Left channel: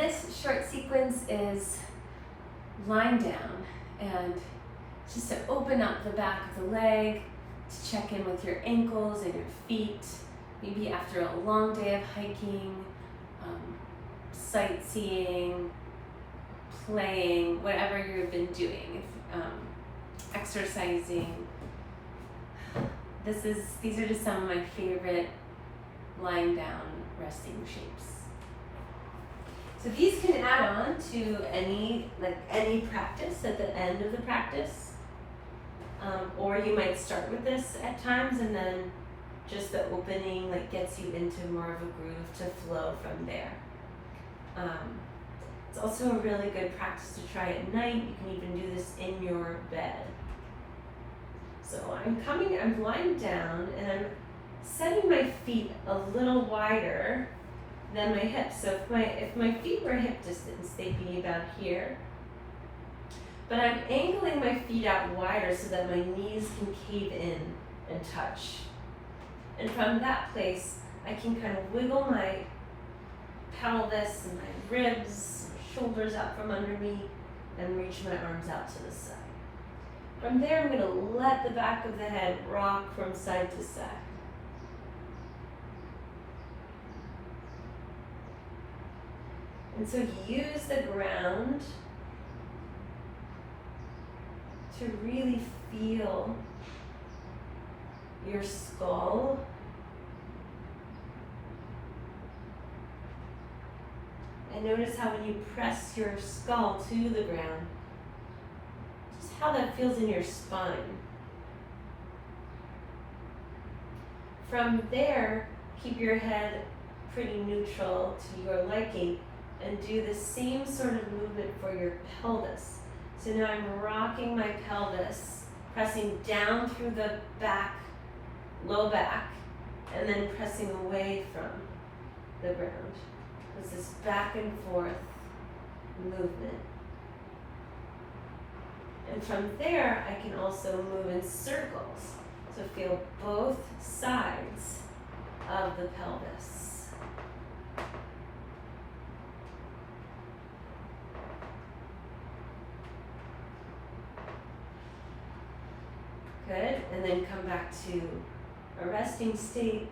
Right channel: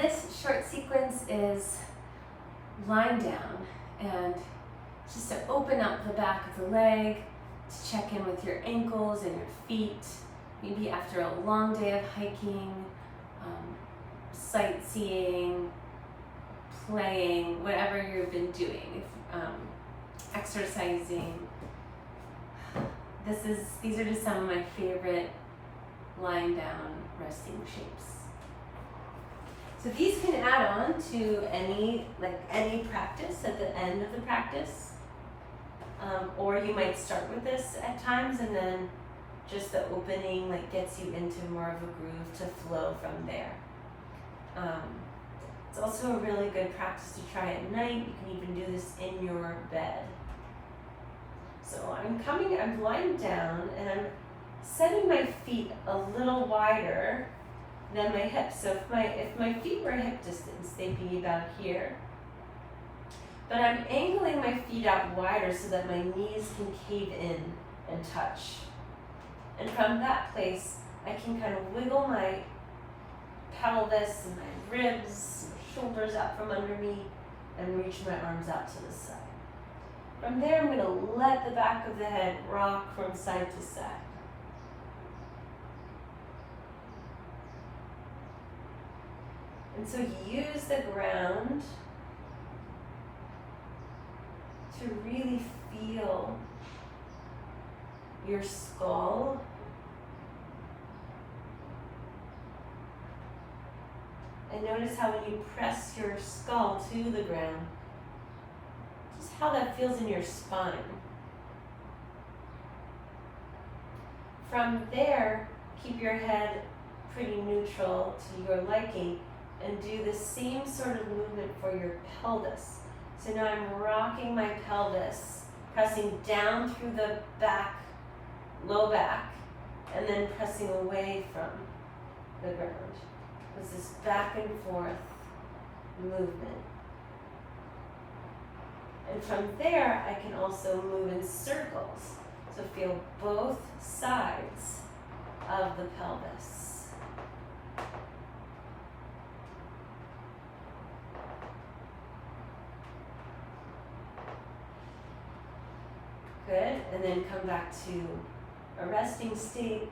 This short sequence is lying down, and just to open up the back of the leg, to check in with your ankles and your feet, maybe after a long day of hiking, sightseeing, playing, whatever you've been doing, exercising. These are just some of my favorite lying down resting shapes. So these can add on to any practice at the end of the practice. Or you might start with this at times and then just the opening gets you into more of a groove to flow from there. It's also a really good practice to try at night. You can even do this in your bed. So I'm lying down and I'm setting my feet a little wider than my hips. So if my feet were hip distance, they'd be about here. But I'm angling my feet out wider so that my knees can cave in and touch. And from that place, I can kind of wiggle my pelvis and my ribs, shoulders out from under me, and reach my arms out to the side. From there, I'm going to let the back of the head rock from side to side. And so use the ground to really feel your skull and notice how when you press your skull to the ground, just how that feels in your spine. From there, keep your head pretty neutral to your liking and do the same sort of movement for your pelvis. So now I'm rocking my pelvis, pressing down through the back, low back, and then pressing away from the ground. It's this back and forth movement. And from there, I can also move in circles. So feel both sides of the pelvis. Good, and then come back to a resting state.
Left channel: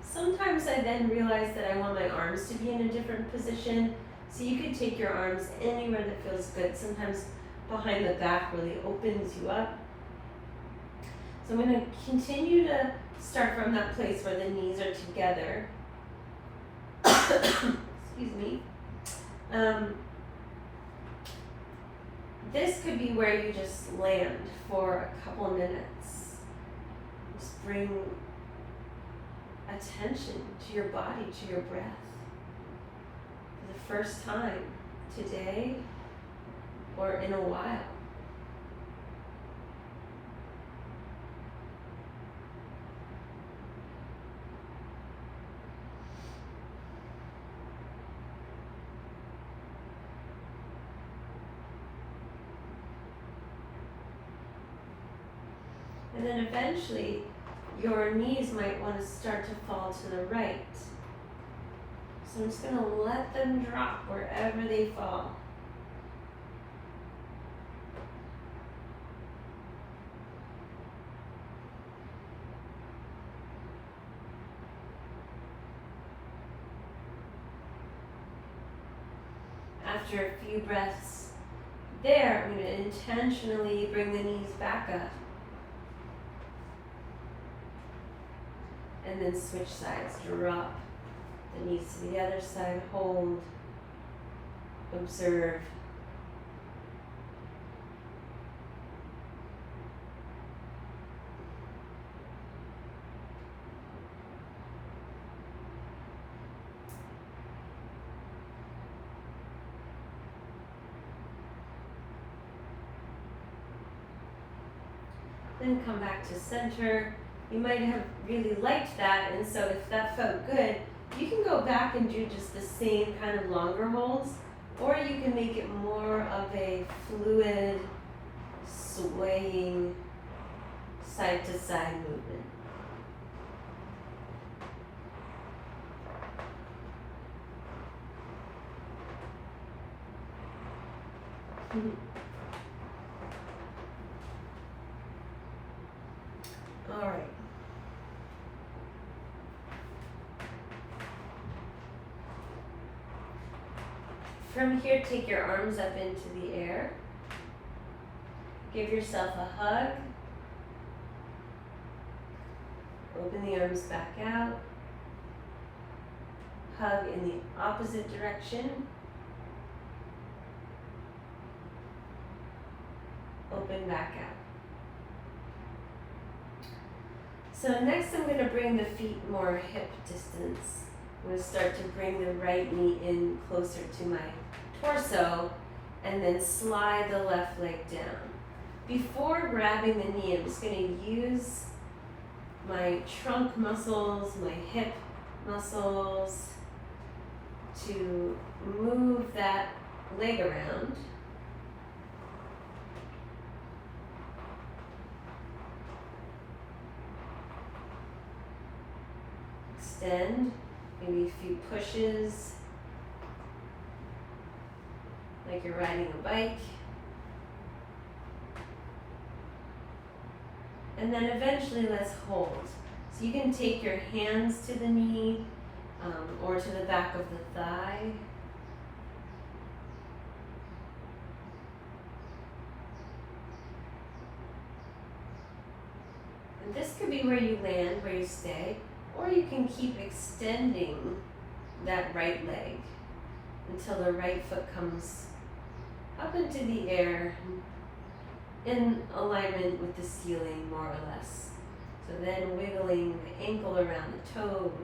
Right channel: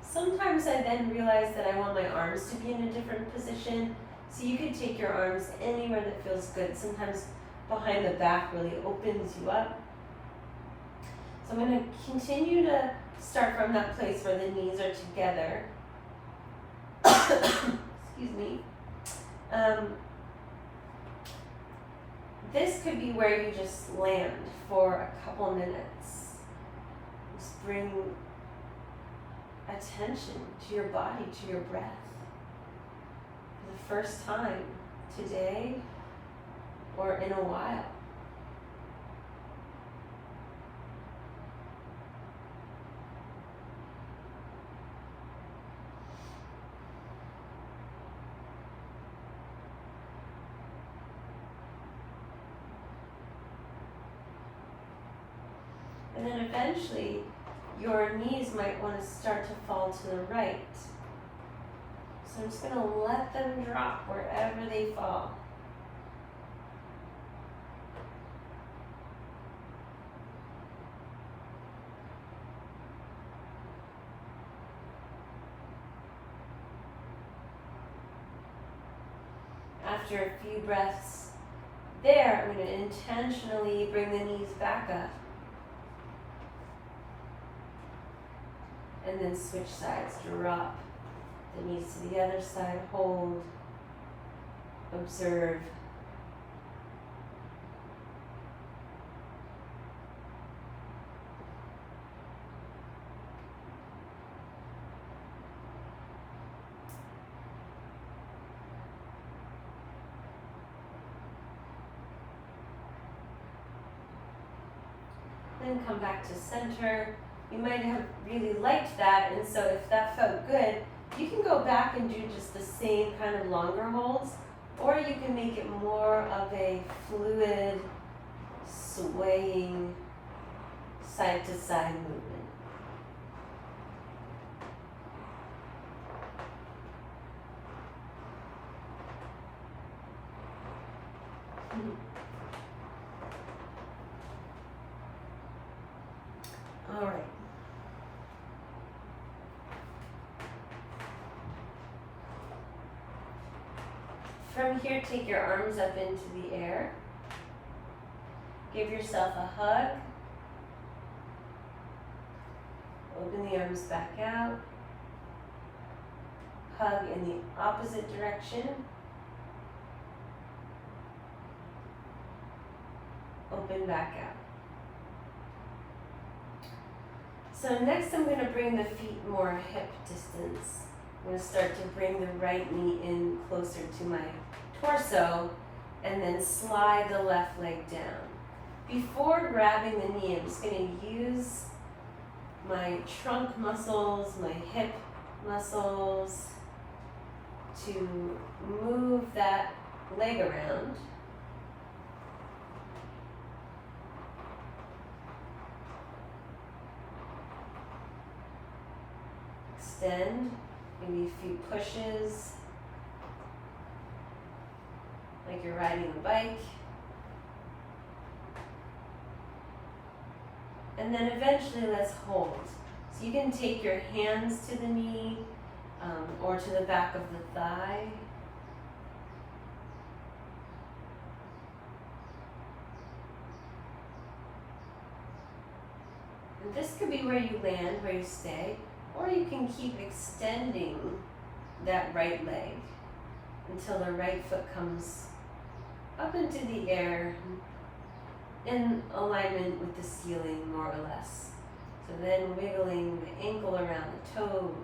Sometimes I then realize that I want my arms to be in a different position. So you can take your arms anywhere that feels good. Sometimes behind the back really opens you up. So I'm going to continue to start from that place where the knees are together. Excuse me. This could be where you just land for a couple minutes. Just bring attention to your body, to your breath. For the first time today or in a while. And then eventually, your knees might want to start to fall to the right. So I'm just going to let them drop wherever they fall. After a few breaths there, I'm going to intentionally bring the knees back up. And then switch sides, drop the knees to the other side, hold, observe. Then come back to center. You might have really liked that, and so if that felt good, you can go back and do just the same kind of longer holds, or you can make it more of a fluid, swaying, side-to-side movement. All right. From here, take your arms up into the air. Give yourself a hug. Open the arms back out. Hug in the opposite direction. Open back out. So next I'm going to bring the feet more hip distance. I'm going to start to bring the right knee in closer to my torso and then slide the left leg down. Before grabbing the knee, I'm just going to use my trunk muscles, my hip muscles to move that leg around. Extend, maybe a few pushes, like you're riding a bike. And then eventually let's hold. So you can take your hands to the knee or to the back of the thigh. And this could be where you land, where you stay, or you can keep extending that right leg until the right foot comes up into the air in alignment with the ceiling, more or less. So then wiggling the ankle around the toes.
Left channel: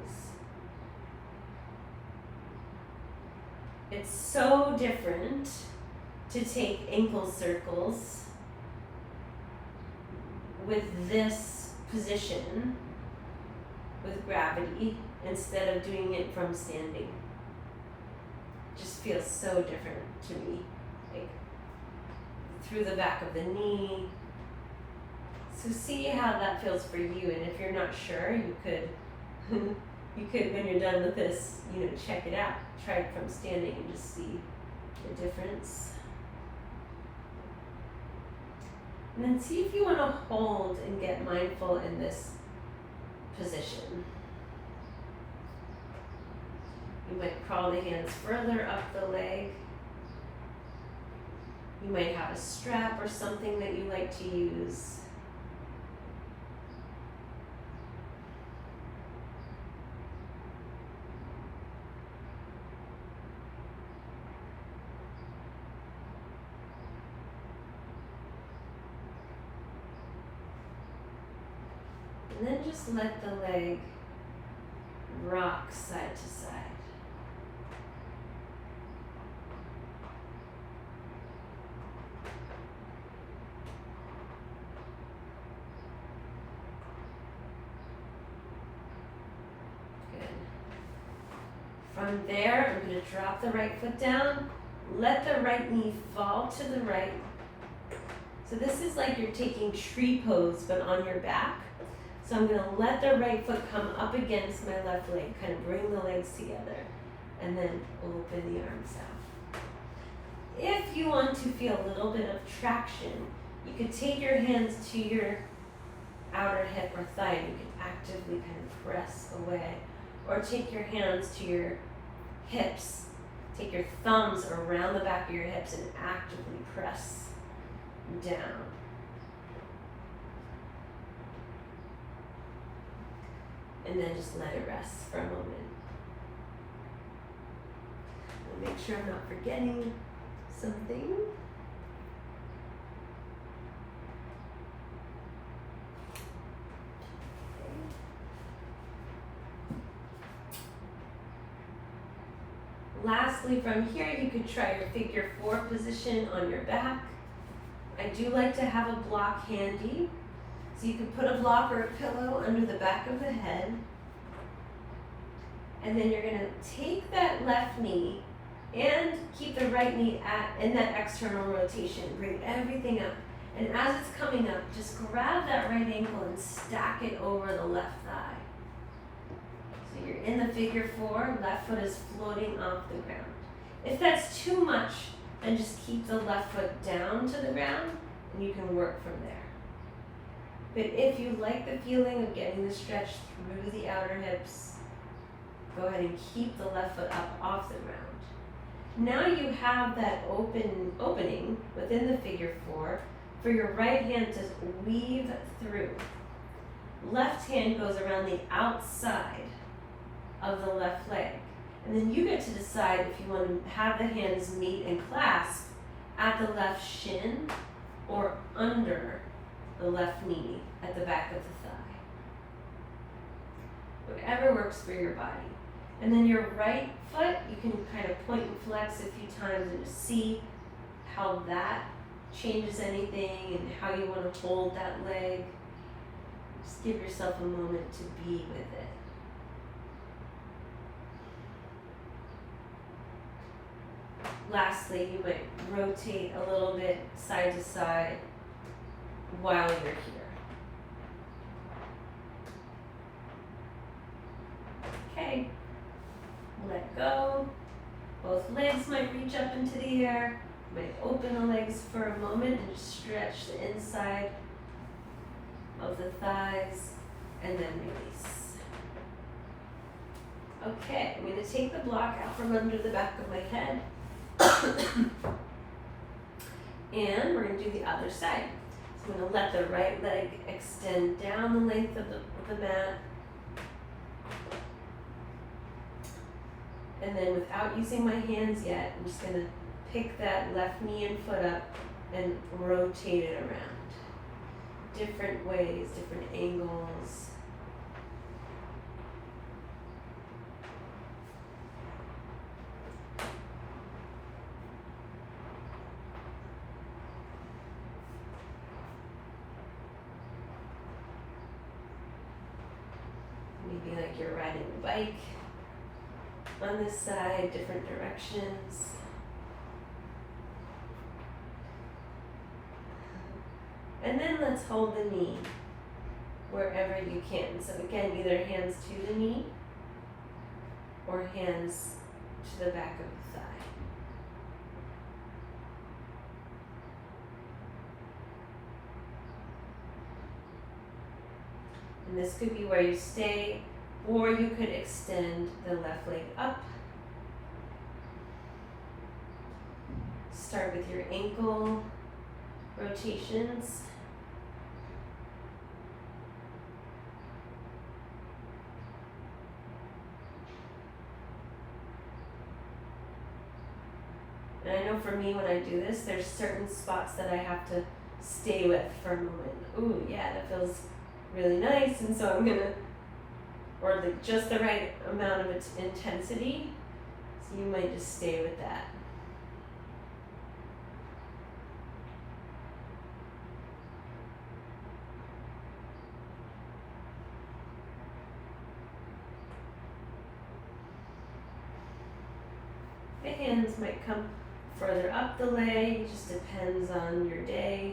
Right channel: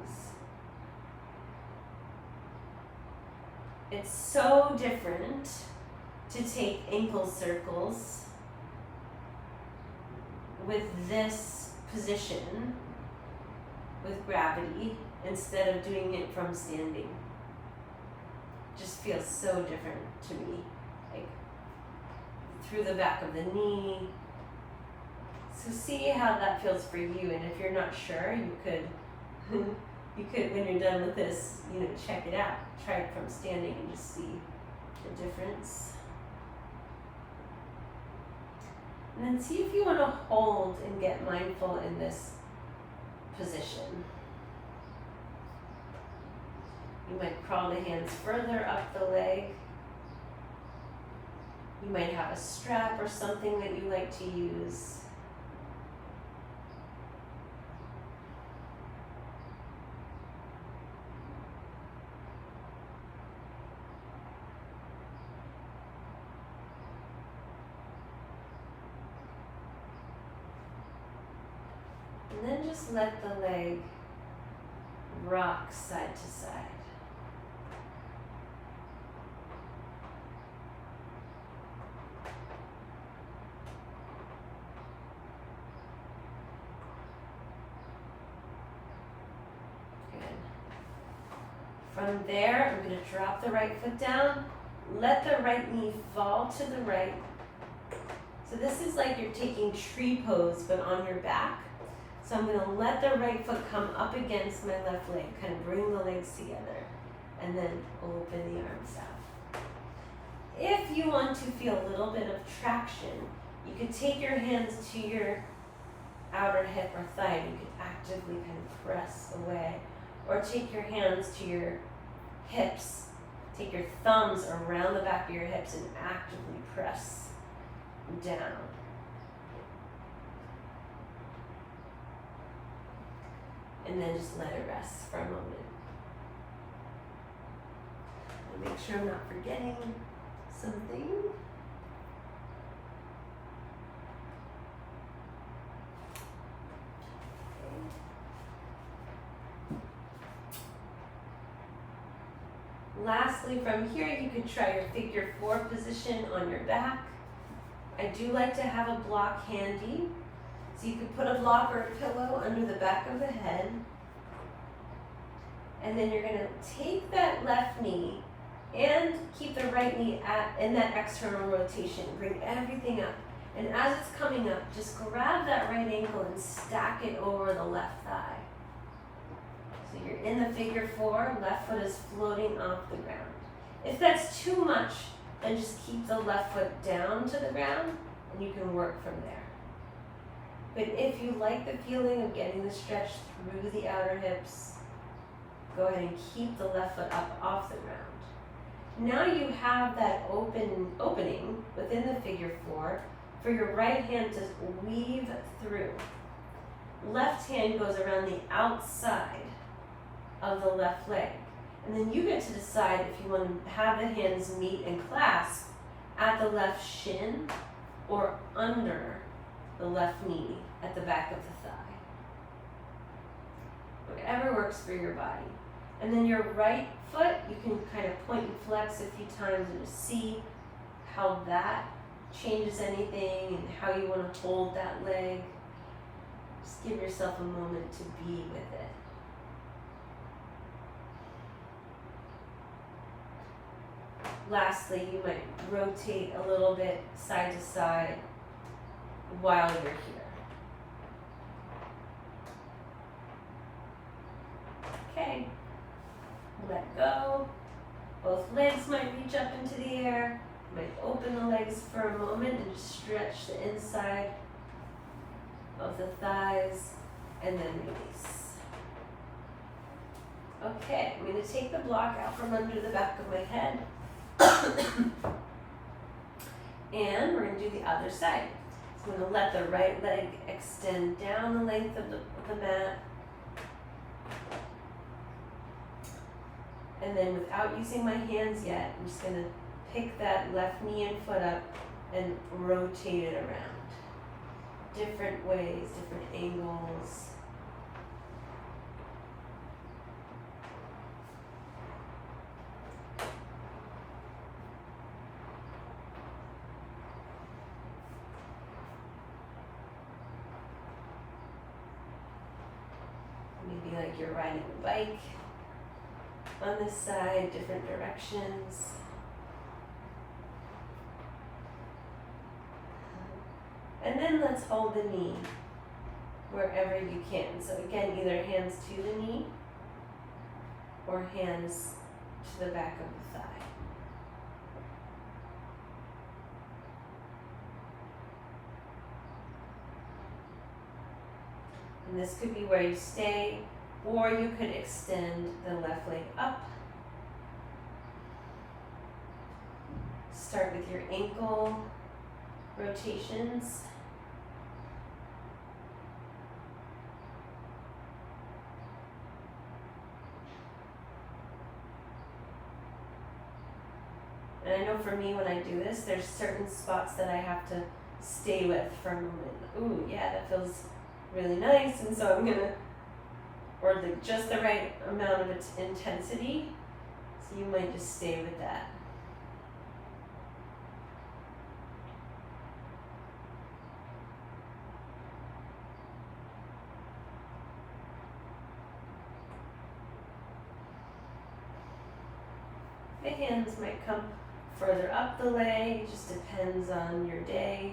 It's so different to take ankle circles with this position, with gravity, instead of doing it from standing. Just feels so different to me. Like through the back of the knee. So see how that feels for you, and if you're not sure, you could when you're done with this, check it out. Try it from standing and just see the difference. And then see if you want to hold and get mindful in this position. You might crawl the hands further up the leg. You might have a strap or something that you like to use. And then just let the leg rock side to side. Good. From there, I'm going to drop the right foot down, let the right knee fall to the right. So this is like you're taking tree pose, but on your back. So I'm going to let the right foot come up against my left leg, kind of bring the legs together, and then open the arms out. If you want to feel a little bit of traction, you could take your hands to your outer hip or thigh, and you can actively kind of press away. Or take your hands to your hips, take your thumbs around the back of your hips and actively press down. And then just let it rest for a moment. I'll make sure I'm not forgetting something. Lastly, from here, you could try your figure 4 position on your back. I do like to have a block handy. So you could put a block or a pillow under the back of the head. And then you're going to take that left knee and keep the right knee in that external rotation. Bring everything up. And as it's coming up, just grab that right ankle and stack it over the left thigh. So you're in the figure 4, left foot is floating off the ground. If that's too much Then just keep the left foot down to the ground and you can work from there. But if you like the feeling of getting the stretch through the outer hips, go ahead and keep the left foot up off the ground. Now you have that opening within the figure four for your right hand to weave through. Left hand goes around the outside of the left leg. And then you get to decide if you want to have the hands meet and clasp at the left shin or under the left knee at the back of the thigh. Whatever works for your body. And then your right foot, you can kind of point and flex a few times and just see how that changes anything and how you want to hold that leg. Just give yourself a moment to be with it. Lastly, you might rotate a little bit side to side while you're here. Okay, let go. Both legs might reach up into the air. You might open the legs for a moment and just stretch the inside of the thighs and then release. Okay, I'm going to take the block out from under the back of my head. And we're going to do the other side. So I'm going to let the right leg extend down the length of the mat. And then without using my hands yet, I'm just going to pick that left knee and foot up and rotate it around. Different ways, different angles. Maybe like you're riding a bike on this side, different directions. And then let's hold the knee wherever you can. So again, either hands to the knee or hands to the back of the thigh. And this could be where you stay, or you could extend the left leg up. Start with your ankle rotations. And I know for me when I do this, there's certain spots that I have to stay with for a moment. Ooh, yeah, that feels really nice, and so I'm gonna, or just the right amount of its intensity, so you might just stay with that. The hands might come further up the leg, it just depends on your day.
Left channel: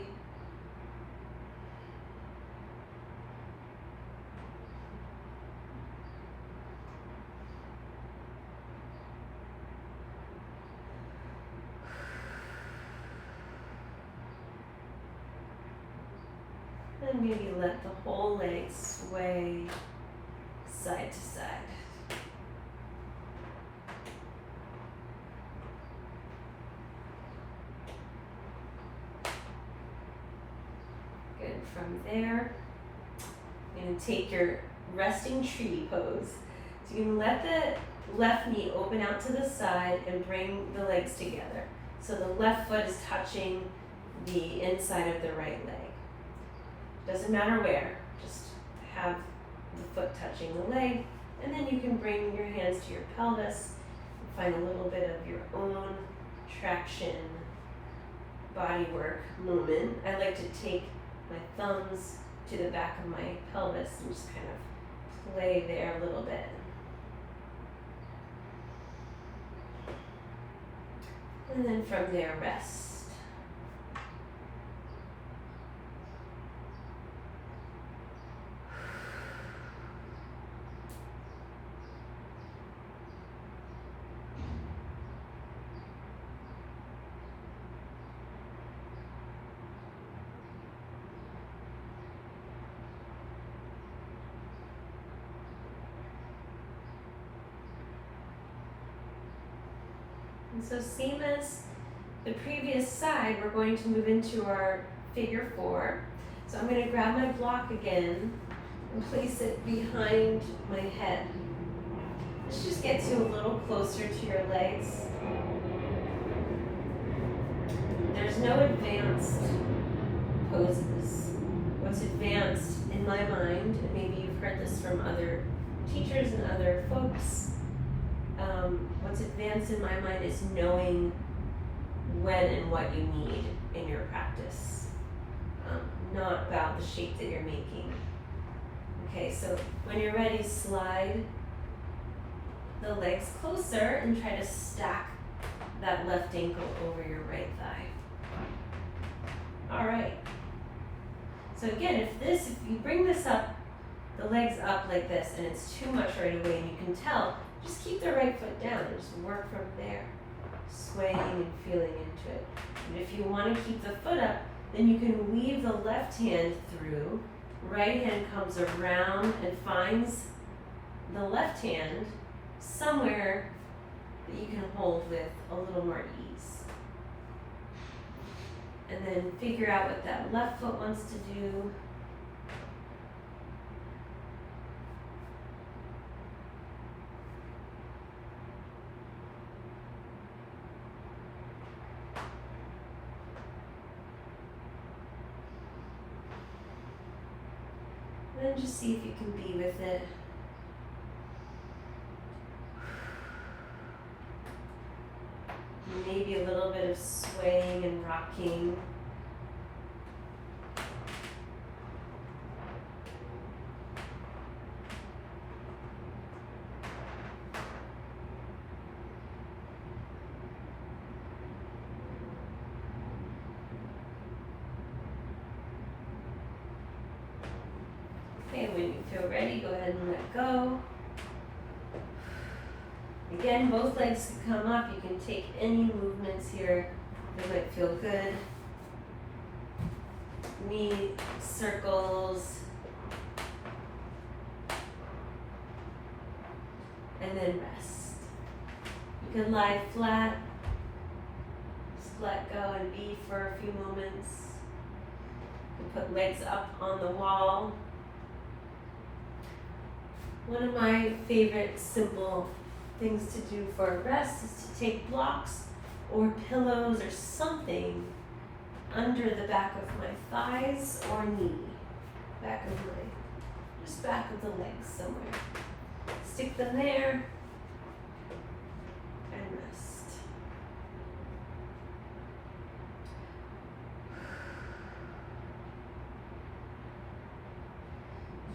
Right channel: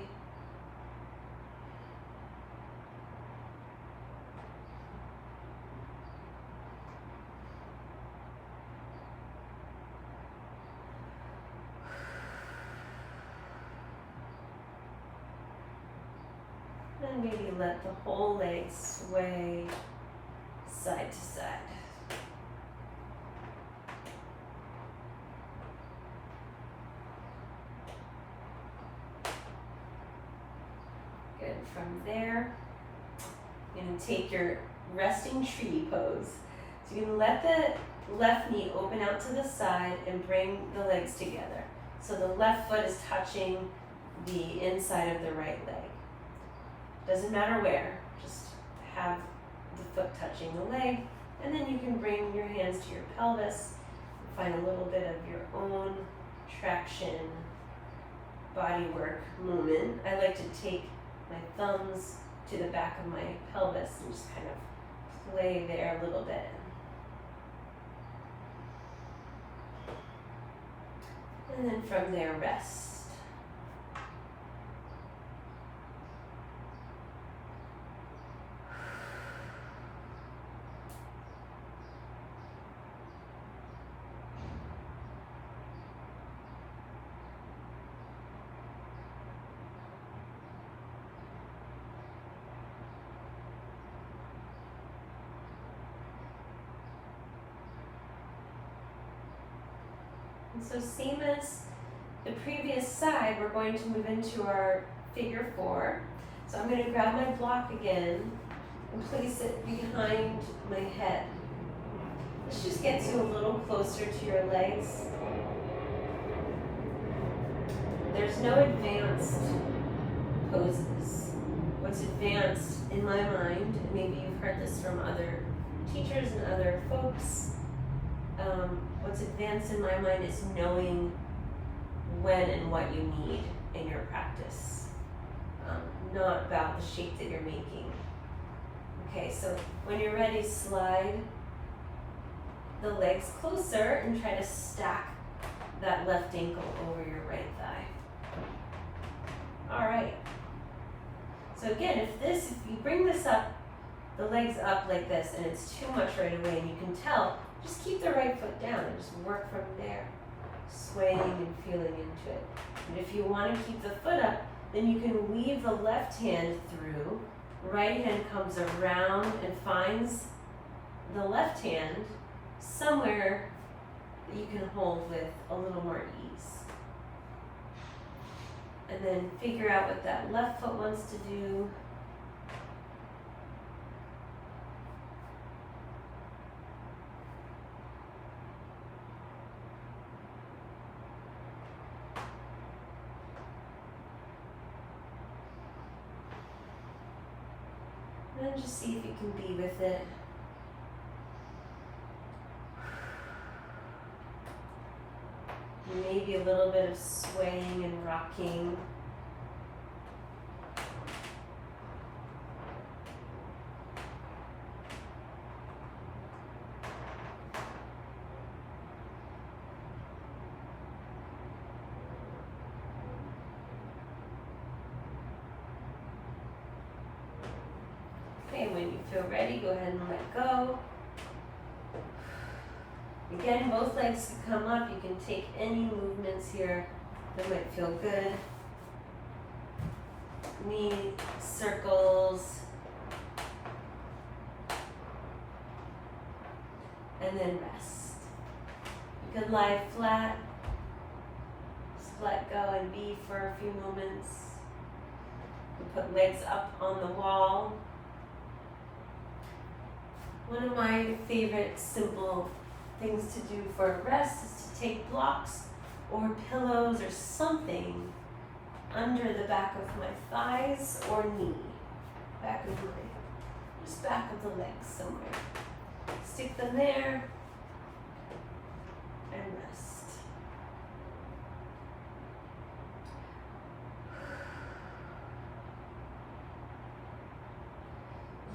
And maybe let the whole leg sway side to side. Good. From there, you're going to take your resting tree pose. So you can let the left knee open out to the side and bring the legs together. So the left foot is touching the inside of the right leg. Doesn't matter where, just have the foot touching the leg, and then you can bring your hands to your pelvis and find a little bit of your own traction, body work movement. I like to take my thumbs to the back of my pelvis and just kind of play there a little bit. And then from there, rest. And so same as the previous side, we're going to move into our figure 4. So I'm going to grab my block again and place it behind my head. This just gets you a little closer to your legs. There's no advanced poses. What's advanced in my mind, and maybe you've heard this from other teachers and other folks, what's advanced in my mind is knowing when and what you need in your practice, not about the shape that you're making. Okay, so when you're ready, slide the legs closer and try to stack that left ankle over your right thigh. All right. So again, if you bring this up, the legs up like this, and it's too much right away, and you can tell, just keep the right foot down and just work from there, swaying and feeling into it. And if you want to keep the foot up, then you can weave the left hand through, right hand comes around and finds the left hand somewhere that you can hold with a little more ease. And then figure out what that left foot wants to do. And then just see if you can be with it. Maybe a little bit of swaying and rocking. Okay, when you feel ready, go ahead and let go. Again, both legs can come up. You can take any movements here that might feel good. Knee circles. And then rest. You can lie flat. Just let go and be for a few moments. You can put legs up on the wall. One of my favorite simple things to do for a rest is to take blocks or pillows or something under the back of my thighs or knee, just back of the legs somewhere. Stick them there and rest.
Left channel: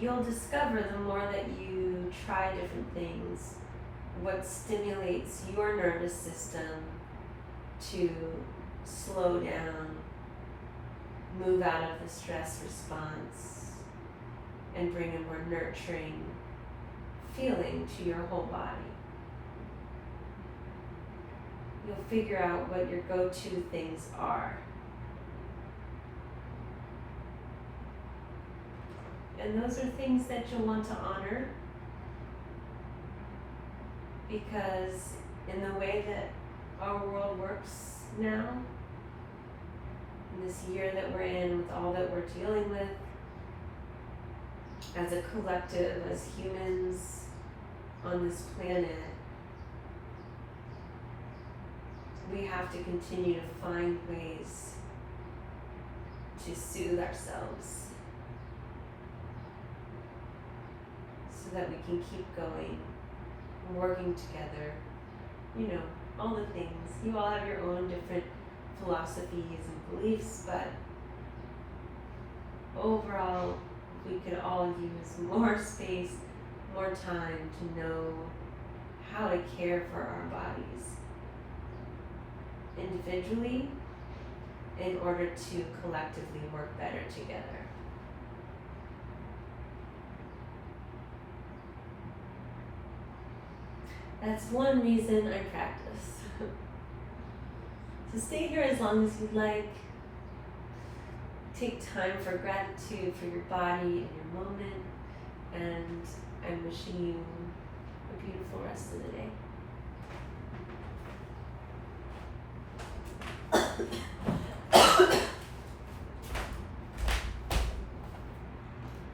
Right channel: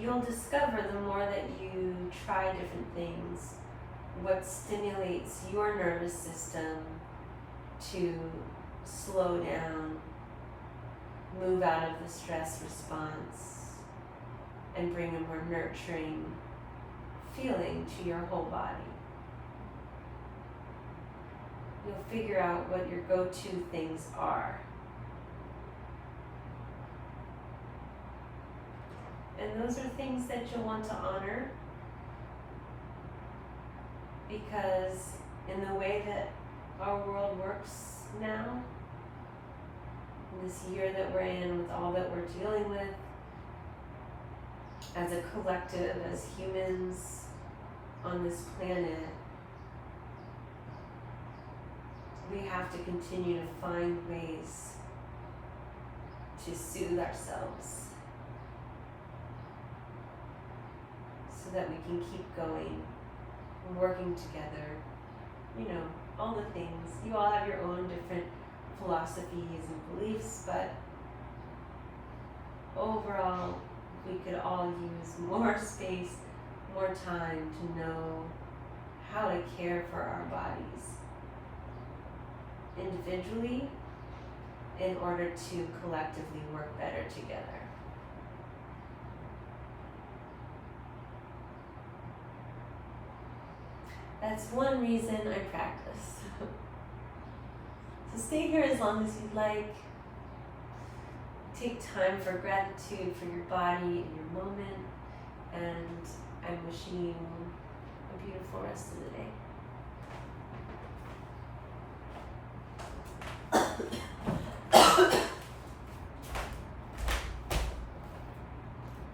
You'll discover the more that you try different things, what stimulates your nervous system to slow down, move out of the stress response, and bring a more nurturing feeling to your whole body. You'll figure out what your go-to things are. And those are things that you'll want to honor, because in the way that our world works now, in this year that we're in, with all that we're dealing with, as a collective, as humans on this planet, we have to continue to find ways to soothe ourselves so that we can keep going, working together, all the things. You all have your own different philosophies and beliefs, but overall, we could all use more space, more time to know how to care for our bodies individually in order to collectively work better together. That's one reason I practice. So stay here as long as you'd like. Take time for gratitude for your body and your moment. And I'm wishing you